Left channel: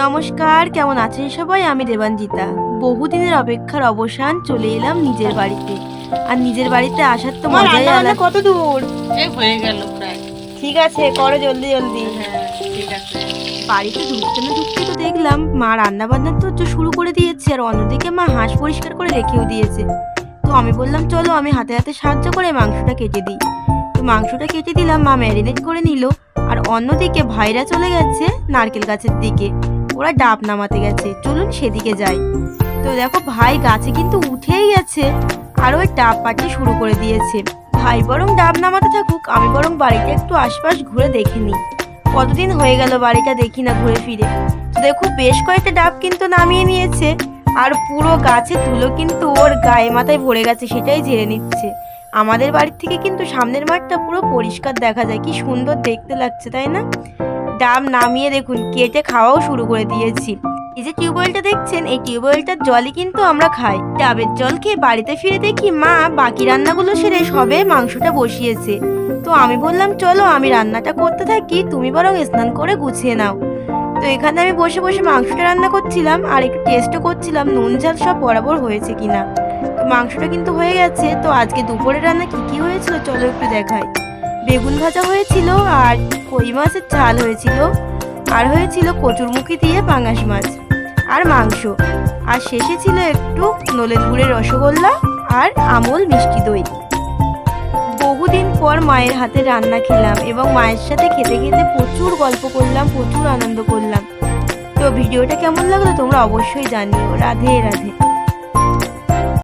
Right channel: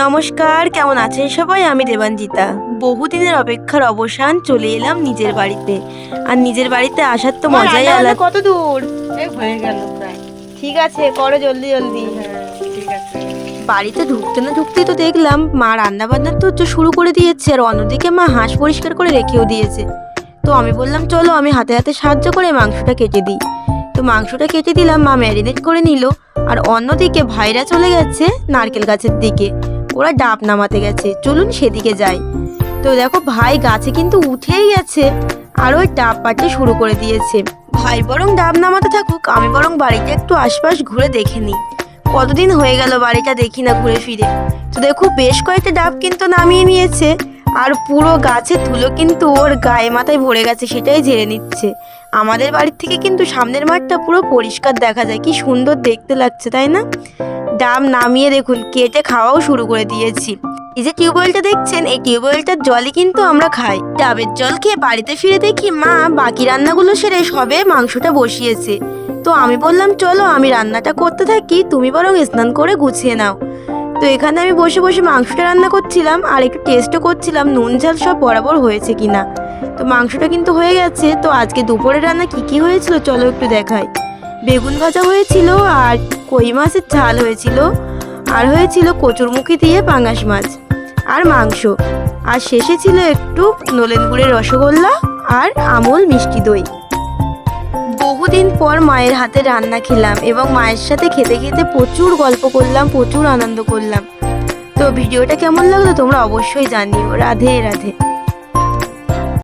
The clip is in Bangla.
নমস্কার, কেমন আছেন সবাই? আমি দেবাঞ্জিতা। বহুদিনের অপেক্ষার অবসান, চলে এলাম নিজের বাড়িতে। আর নিজের বাড়িতে আসার তো মজাই আলাদা। কত দূর? এই হয়ে গেল প্রায়। ঠিক আছে, করো জলদি জলদি। হ্যাঁ, ঠিক আছে। বাড়িতে ঢুকতে না ঢুকতেই তো দেখলাম মা রান্না বান্না তো শুরু করে দিয়েছে, আর অন্যদিকে মা হাঁস পরিষ্কার করে রেখেও দিয়েছে। তো আমি বললাম চলো আমি হাতে হাতে সাহায্য করে মাংসটা কেটে দিই। তো মাংসটা কেটে দিলাম, মা ম্যারিনেট করে নিল। আর অন্যদিকে ভাইরা চলে গেছে নারকেল গাছের দিকে, ওরা ডাব নামাতে গেছে। চলুন সেদিকে যাই। তো দেখো ভাই গাছে কিন্তু উঠেই গেছে, আর ওই ডাব পাড়তে শুরু করে দিয়েছে। ভাই বরং ডাব নামাতে থাকুক, আমি বরং বাড়িতে একটু আশপাশ ঘুরে দেখে নিই। কতদিন হয়ে গেল বাড়িটা দেখি না ঘুরে ফিরে। তো দেখো বেশ কয়েকটা ডাব কিন্তু নামিয়ে নিয়েছে, আর পুরো গাছের ধুলো কিন্তু ওর গায়ে মাথায় ভরে গেছে, সেটাই ঝেড়ে নিচ্ছে। আমাদের বাড়ির থেকে কিন্তু সামনের মাঠটা পুরো পরিষ্কার দেখা যায়, কি সুন্দর দেখতে লাগছে তাই না? ডাব নামিয়ে দেখুন কেটে খাওয়াও শুরু করে দিয়েছি। এই যে টিউবওয়েলটা দেখছেন, এই টিউবওয়েলটার জলই কিন্তু আমরা খাই। ডাবের জল খেয়ে বাড়িতে ফিরে দেখি মা বাকি রান্নাগুলো সেরে সবে মাংসটা বসিয়েছে। তো আমি বললাম চলো আমি রান্নাটা করতে থাকি, তুমি বরং স্নান করে গুছিয়ে নাও। তো এখানে আমি বসে বসে মাংসটা রান্না করছিলাম, আর একটু টেস্টও করছিলাম নুন ঝাল সব বরাবর হয়েছে কিনা। তো মাংসটা কিন্তু হয়ে গেছে। তো আজকে দুপুরে রান্না কি হয়েছিল চলো একটু দেখাই। বেগুন ভাজা হয়েছিল, আর কই মাছের ঝাল হয়েছিল, আর হয়েছিল কচুরমুখী দিয়ে পাঙ্গাস মাছ, আর মাংস, আর শেষে ছিল একটু নলেন গুড়ের রসগোল্লা আর আমুল মিষ্টি দই। বহুদিন পর মায়ের হাতে রান্না খেলাম, এবং মায়ের সাথে খেতে খেতে প্রচুর গল্প করলাম, প্রচুর আনন্দ করলাম। তো ভিডিওটা কেমন লাগলো তোমরা অবশ্যই জানিও। রাধে রাধে।